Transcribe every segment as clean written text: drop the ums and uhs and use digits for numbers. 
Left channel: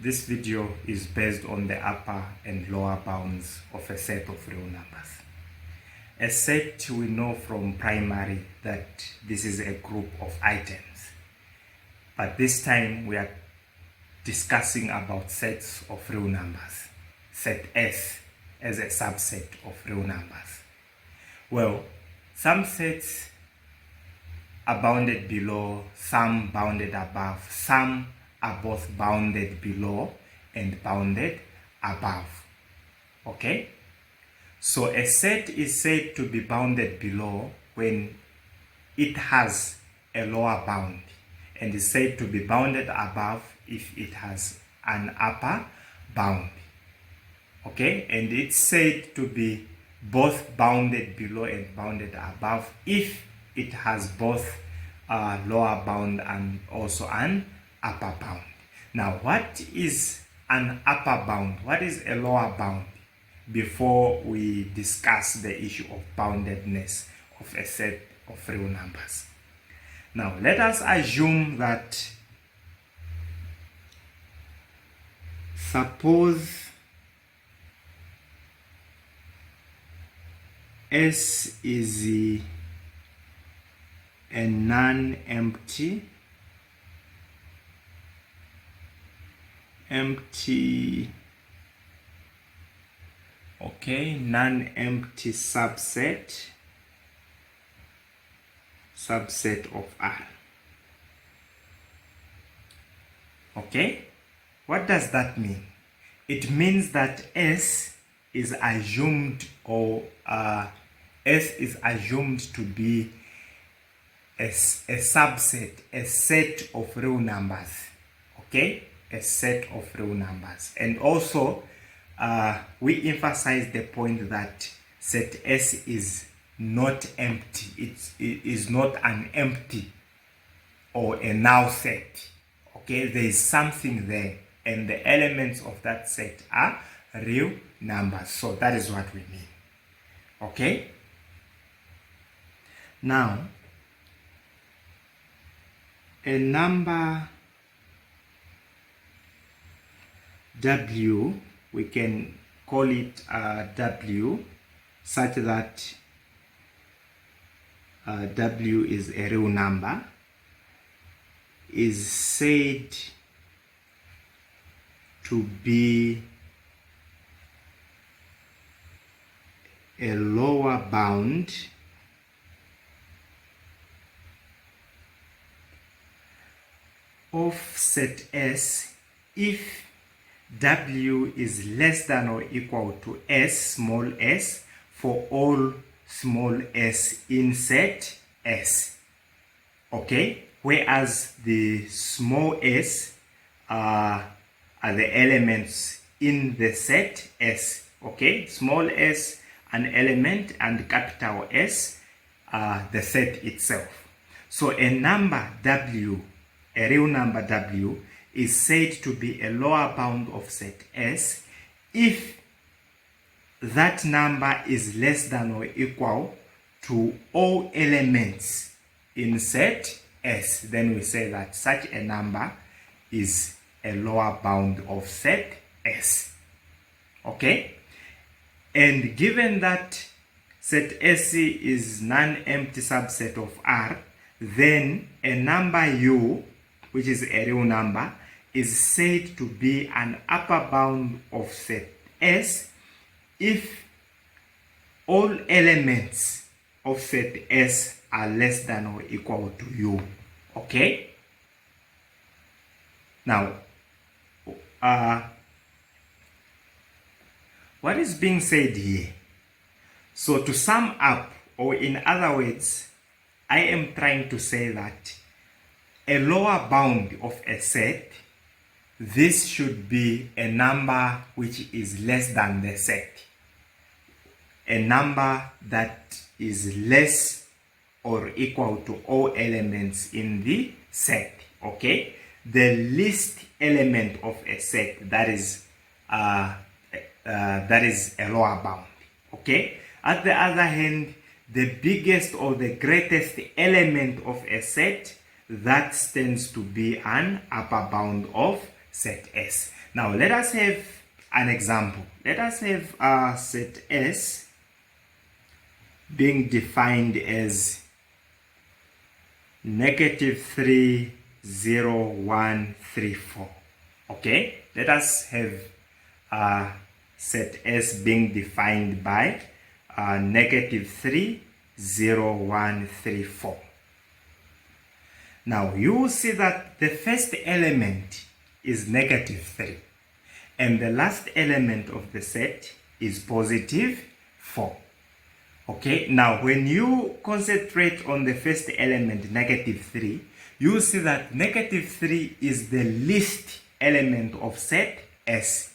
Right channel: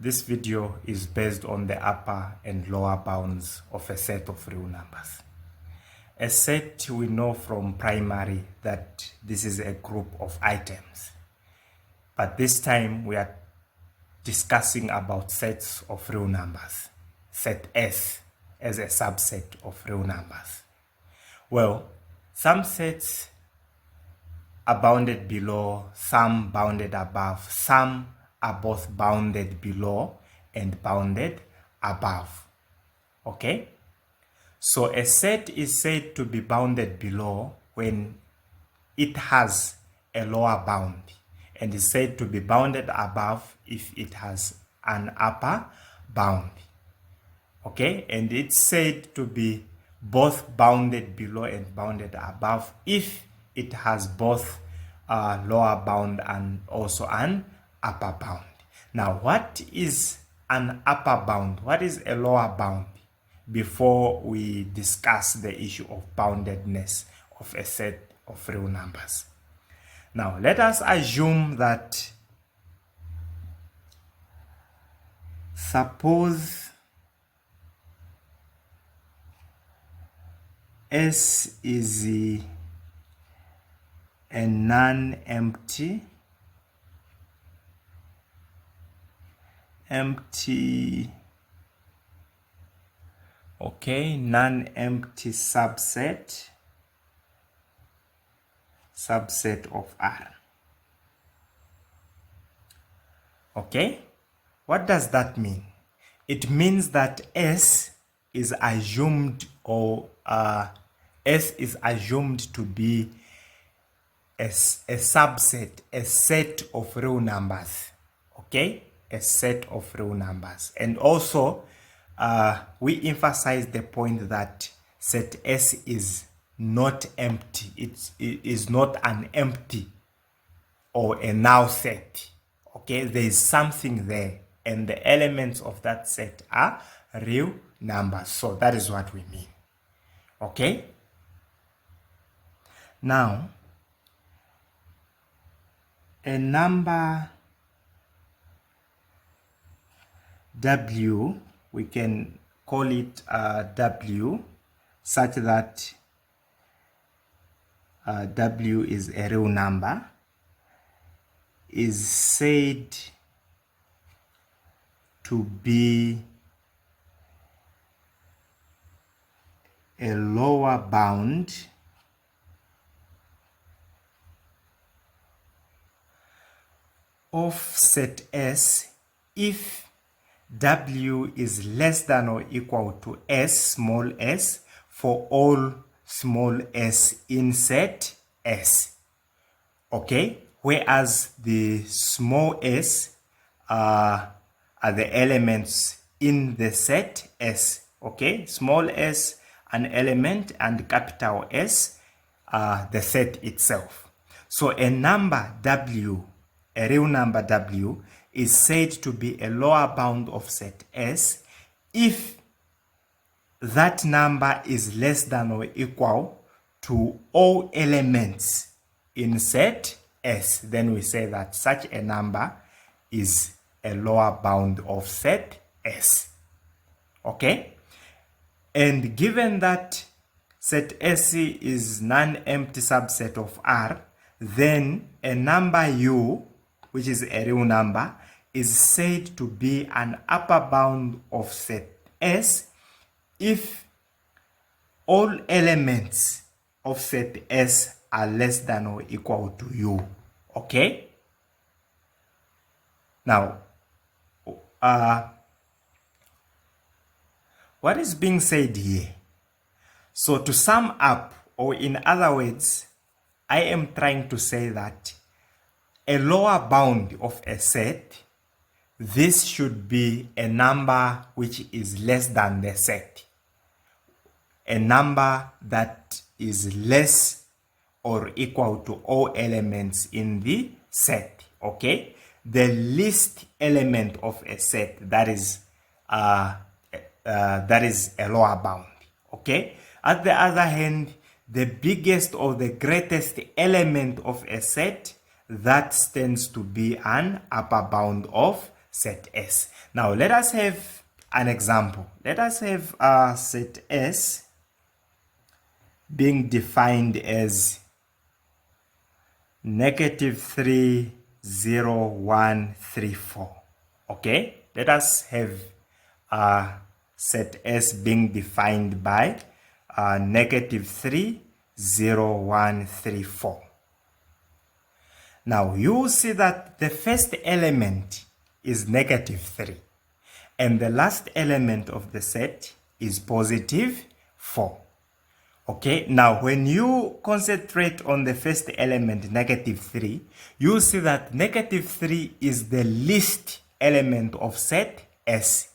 This video is based on the upper and lower bounds of a set of real numbers. A set, we know from primary that this is a group of items. But this time we are discussing about sets of real numbers. Set S as a subset of real numbers. Well, some sets are bounded below, some bounded above, some are both bounded below and bounded above. Okay? So a set is said to be bounded below when it has a lower bound, and is said to be bounded above if it has an upper bound. Okay? And it's said to be both bounded below and bounded above if it has both a lower bound and also an upper bound. Now, what is an upper bound? What is a lower bound? Before we discuss the issue of boundedness of a set of real numbers. Now, let us assume that suppose S is a non-empty non-empty subset of R. Okay, what does that mean? It means that S is assumed to be a subset, a set of real numbers. Okay, a set of real numbers. And also we emphasize the point that set S is not empty. It is not an empty or a null set. Okay, there is something there, and the elements of that set are real numbers. So that is what we mean. Okay, now a number W, we can call it W, such that W is a real number, is said to be a lower bound of set S if W is less than or equal to S, small s, for all small s in set S. Okay? Whereas the small s are the elements in the set S. Okay? Small s, an element, and capital S, the set itself. So a number W, a real number W, is said to be a lower bound of set S if that number is less than or equal to all elements in set S. Then we say that such a number is a lower bound of set S. Okay? And given that set S is non-empty subset of R, then a number U, which is a real number, is said to be an upper bound of set S if all elements of set S are less than or equal to U. Okay? Now, what is being said here? So to sum up, or in other words, I am trying to say that a lower bound of a set, this should be a number which is less than the set. A number that is less or equal to all elements in the set. Okay? The least element of a set, that is a lower bound. Okay? At the other hand, the biggest or the greatest element of a set, that stands to be an upper bound of set S. Now let us have an example. Let us have set S being defined as -3, 0, 1, 3, 4. Okay, let us have set S being defined by -3, 0, 1, 3, 4. Now you will see that the first element is -3 and the last element of the set is +4. Okay, now when you concentrate on the first element, -3, you see that -3 is the least element of set S.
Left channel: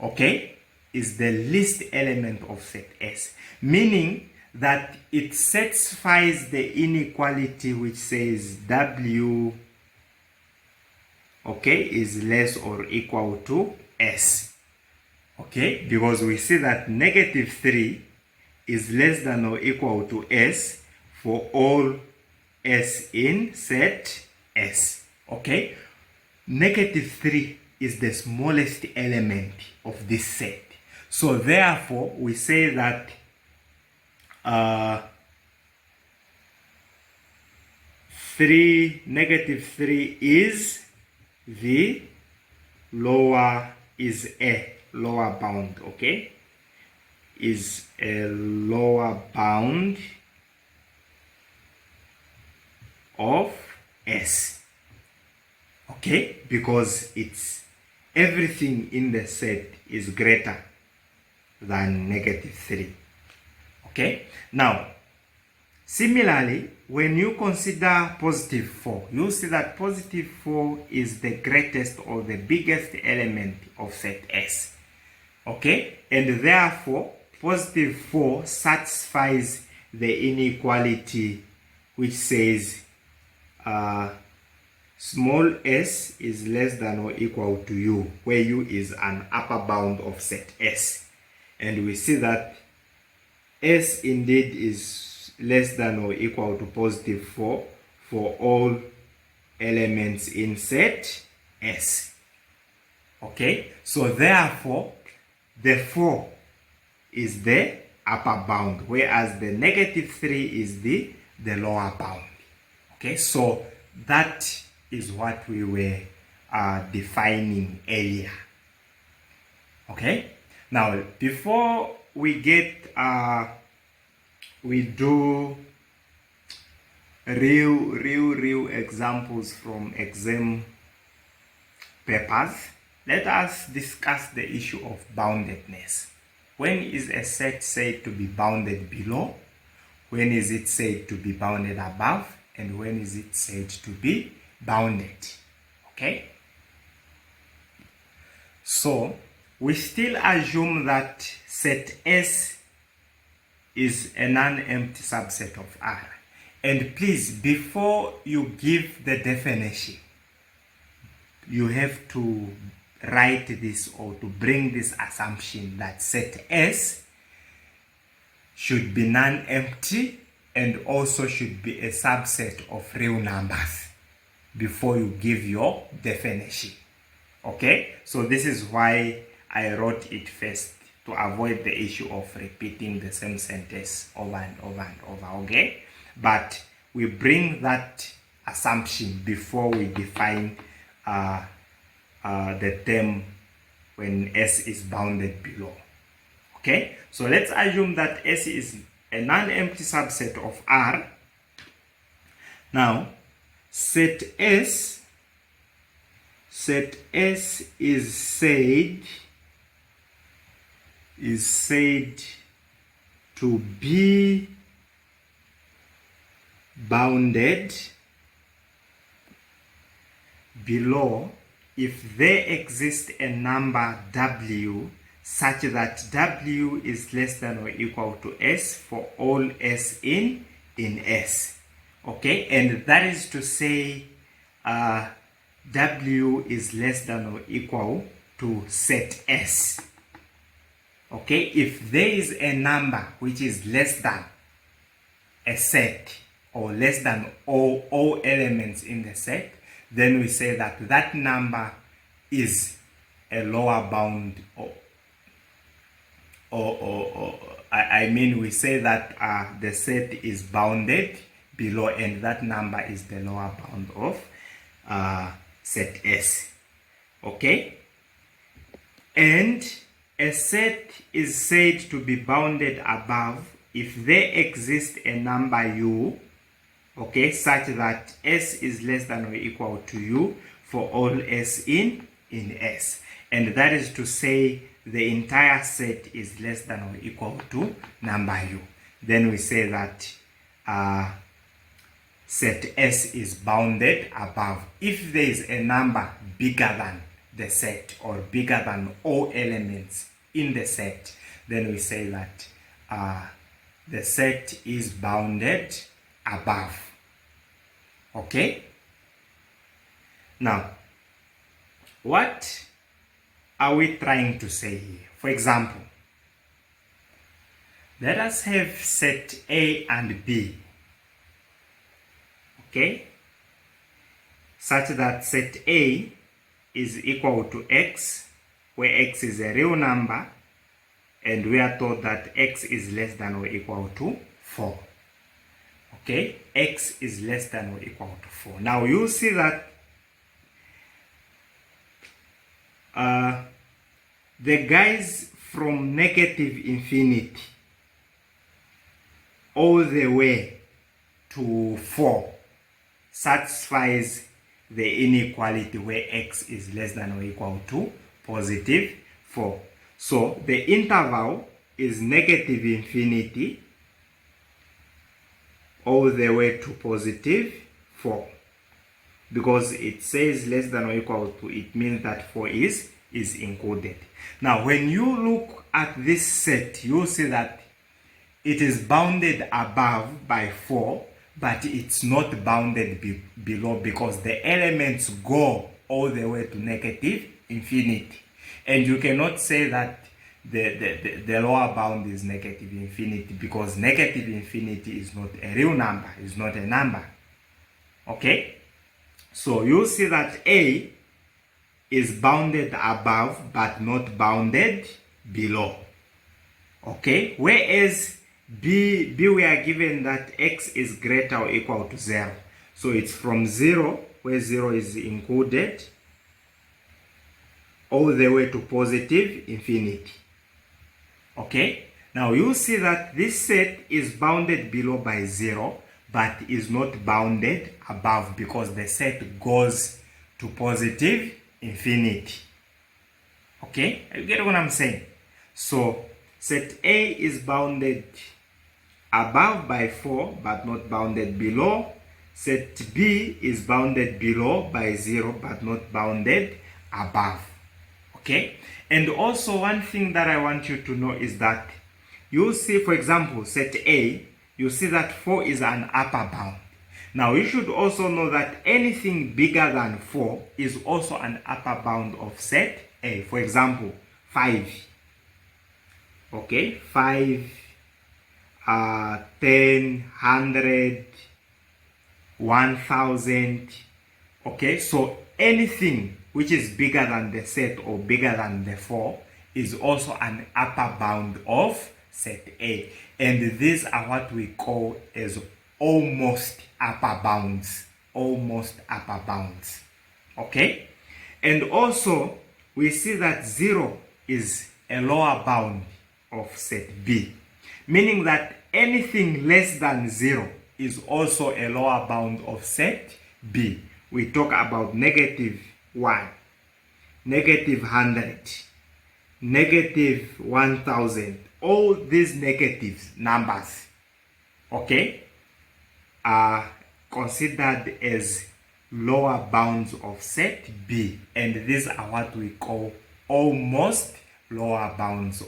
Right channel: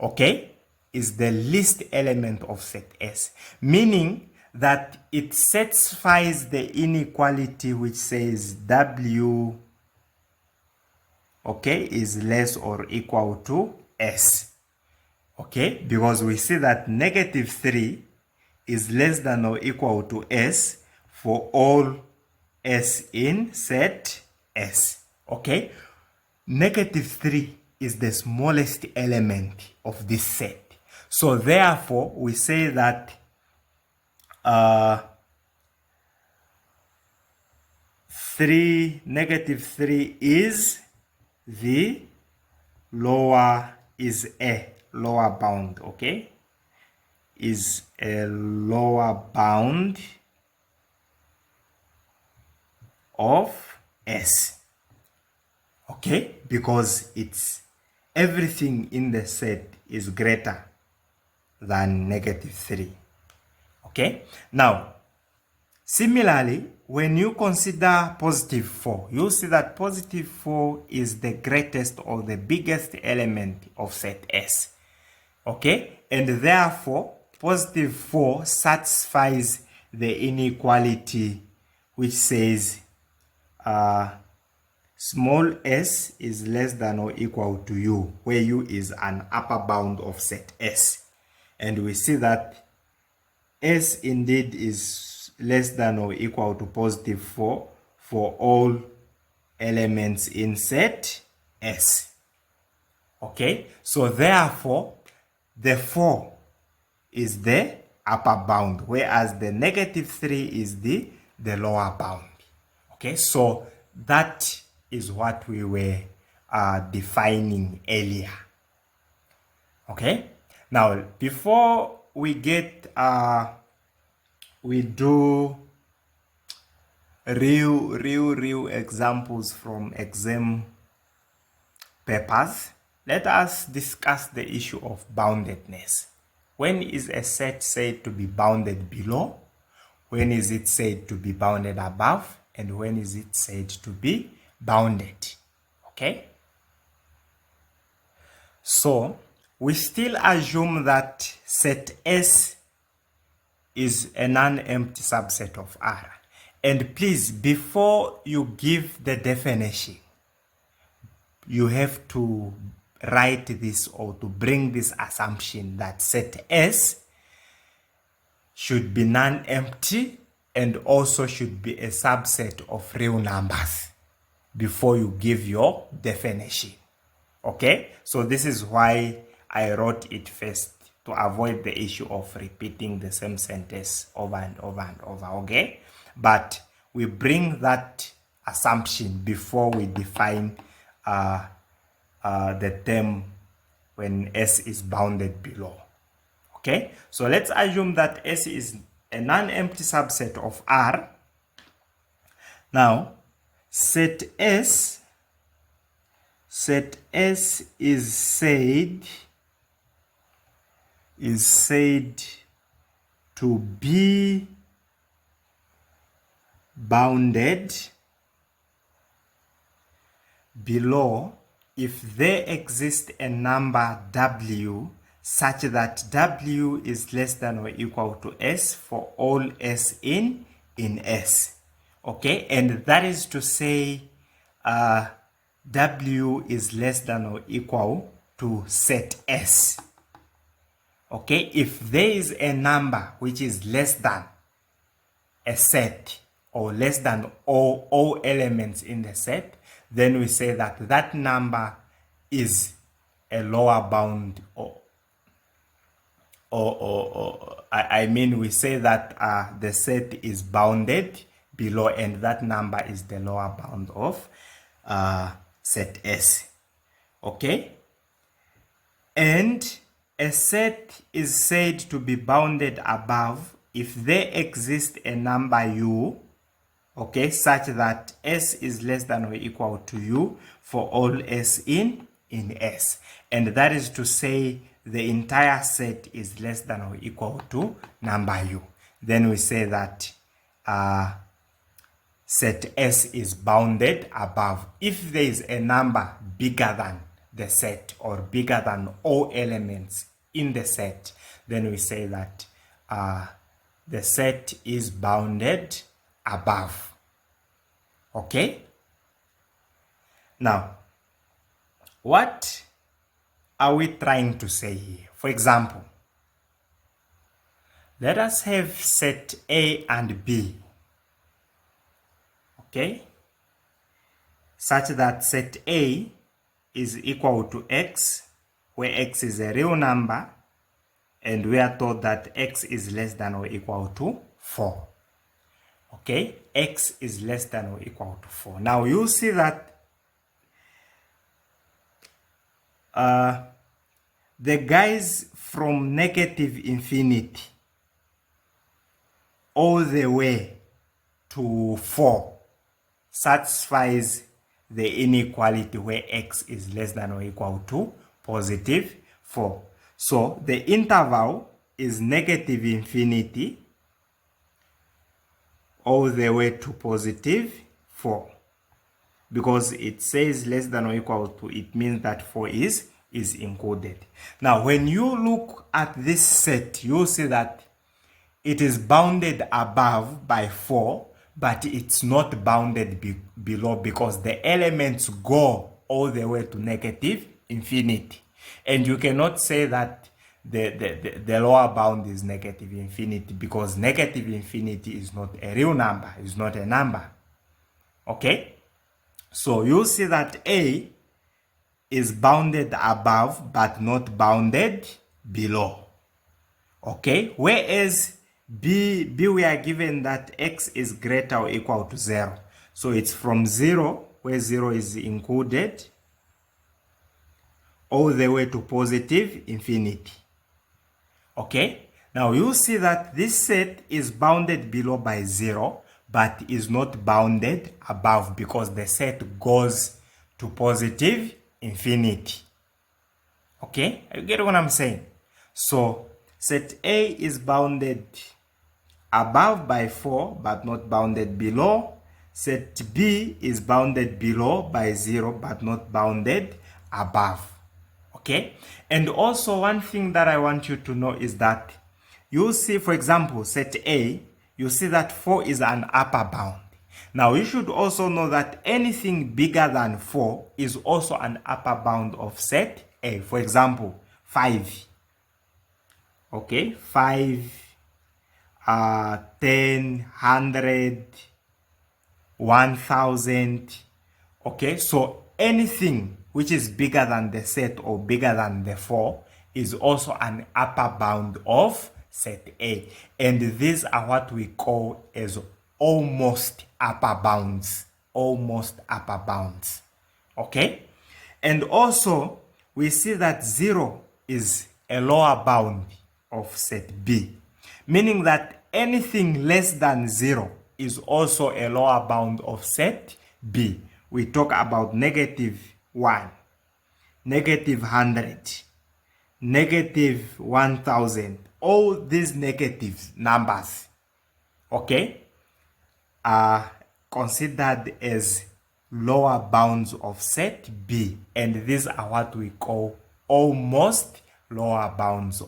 Okay, is the least element of set S, meaning that it satisfies the inequality which says W, okay, is less or equal to S. Okay, because we see that -3 is less than or equal to S for all S in set S. Okay, -3 is the smallest element of this set. So therefore, we say that -3 is the lower bound, okay? Is a lower bound of S. Okay, because it's everything in the set is greater than -3. Okay, now similarly, when you consider +4, you'll see that +4 is the greatest or the biggest element of set S. Okay, and therefore +4 satisfies the inequality which says small s is less than or equal to u, where u is an upper bound of set S. And we see that S indeed is less than or equal to +4 for all elements in set S. Okay, so therefore the 4 is the upper bound, whereas the -3 is the lower bound. Okay, so that is what we were defining earlier. Okay, now before we get we do real examples from exam papers, let us discuss the issue of boundedness. When is a set said to be bounded below? When is it said to be bounded above? And when is it said to be bounded? Okay, so we still assume that set S is a non-empty subset of R. And please, before you give the definition, you have to write this or to bring this assumption that set S should be non-empty and also should be a subset of real numbers before you give your definition. Okay, so this is why I wrote it first, to avoid the issue of repeating the same sentence over and over and over. Okay, but we bring that assumption before we define the term when S is bounded below. Okay, so let's assume that S is a non-empty subset of R. Now set S is said to be bounded below if there exists a number W such that W is less than or equal to S for all S in S. Okay, and that is to say W is less than or equal to set S. Okay, if there is a number which is less than a set or less than all elements in the set, then we say that that number is a lower bound, I mean we say that the set is bounded below, and that number is the lower bound of set S. Okay? And a set is said to be bounded above if there exists a number u, okay, such that S is less than or equal to u for all S in S. And that is to say the entire set is less than or equal to number u. Then we say that set S is bounded above if there is a number bigger than the set or bigger than all elements in the set. Then we say that the set is bounded above. Okay? Now, what are we trying to say here? For example, let us have set A and B. Okay? Such that set A is equal to x, where x is a real number, and we are told that x is less than or equal to 4. Okay? X is less than or equal to 4. Now you see that the guys from negative infinity all the way to 4 satisfies the inequality where x is less than or equal to positive 4. So the interval is negative infinity all the way to positive 4. Because it says less than or equal to, it means that 4 is included. Now when you look at this set, you'll see that it is bounded above by 4, but it's not bounded below, because the elements go all the way to negative infinity. And you cannot say that the lower bound is negative infinity, because negative infinity is not a real number, it's not a number. Okay? So you see that A is bounded above but not bounded below. Okay? Whereas B we are given that x is greater or equal to 0. So it's from 0, where 0 is included, all the way to positive infinity. Okay? Now you see that this set is bounded below by 0, but is not bounded above, because the set goes to positive infinity. Okay? You get what I'm saying? So set A is bounded above by 4, but not bounded below. Set B is bounded below by 0, but not bounded above. Okay? And also one thing that I want you to know is that you see, for example, set A, you see that 4 is an upper bound. Now you should also know that anything bigger than 4 is also an upper bound of set A. For example, 5. Okay, 5, 10, 100, 1000. Okay, so anything which is bigger than the set or bigger than the 4 is also an upper bound of set A. And these are what we call as almost upper bounds. Almost upper bounds. Okay? And also, we see that 0 is a lower bound of set B. Meaning that anything less than 0 is also a lower bound of set B. We talk about negative 1, negative 100, negative 1000. All these negative numbers, okay, are considered as lower bounds of set B. And these are what we call almost lower bounds.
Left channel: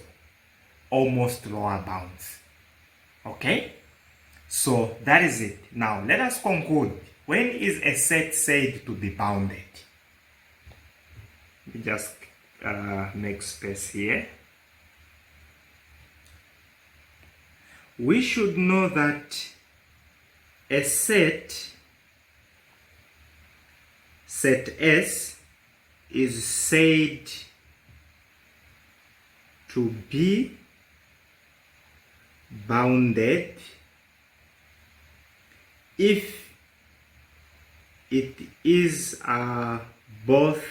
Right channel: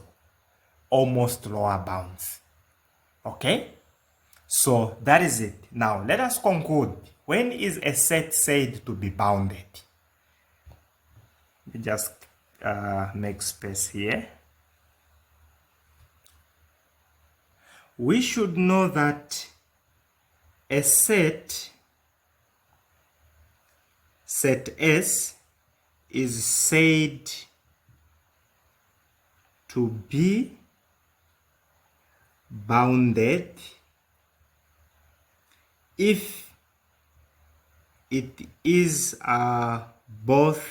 Almost lower bounds. Okay? So that is it. Now let us conclude. When is a set said to be bounded? Let me just make space here. We should know that a set S, is said to be bounded if it is both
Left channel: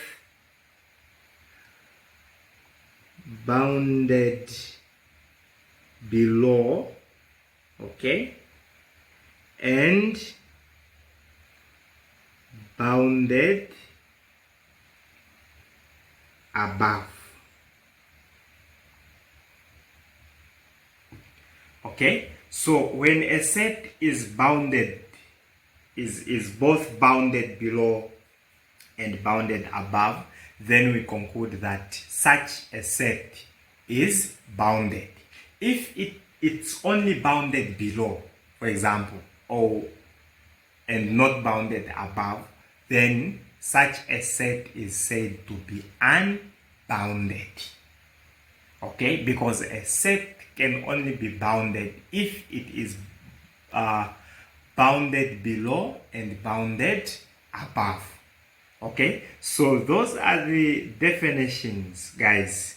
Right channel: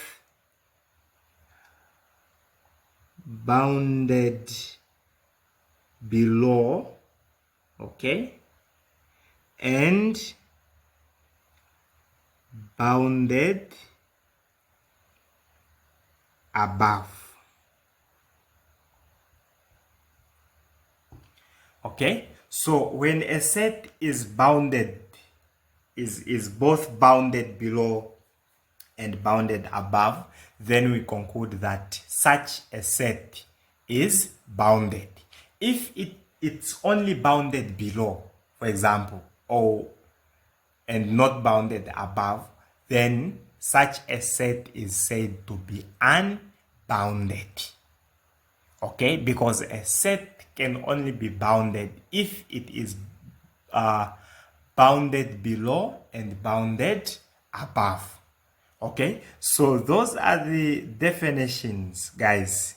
bounded below, okay, and bounded above. Okay, so when a set is bounded, is both bounded below and bounded above, then we conclude that such a set is bounded. If it's only bounded below, for example, or and not bounded above, then such a set is said to be unbounded. Okay, because a set can only be bounded if it is bounded below and bounded above. Okay, so those are the definitions, guys,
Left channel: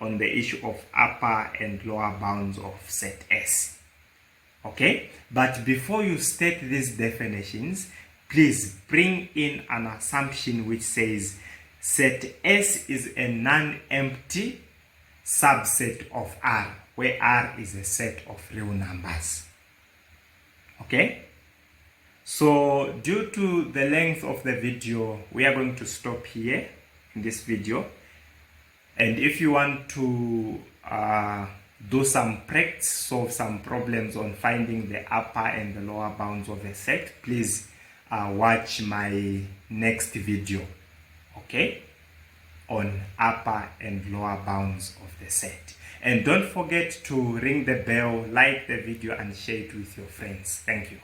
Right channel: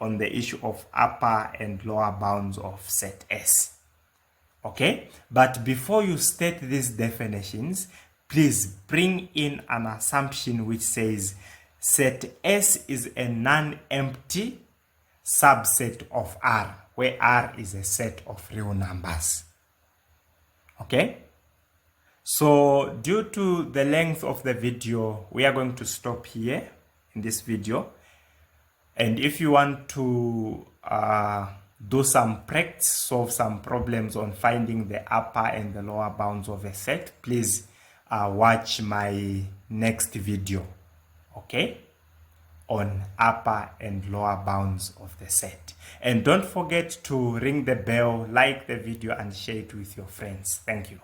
on the issue of upper and lower bounds of set S. Okay, but before you state these definitions, please bring in an assumption which says set S is a non-empty subset of R, where R is a set of real numbers. Okay, so due to the length of the video, we are going to stop here in this video. And if you want to do some practice, solve some problems on finding the upper and the lower bounds of a set, please watch my next video, okay, on upper and lower bounds of the set. And don't forget to ring the bell, like the video, and share it with your friends. Thank you.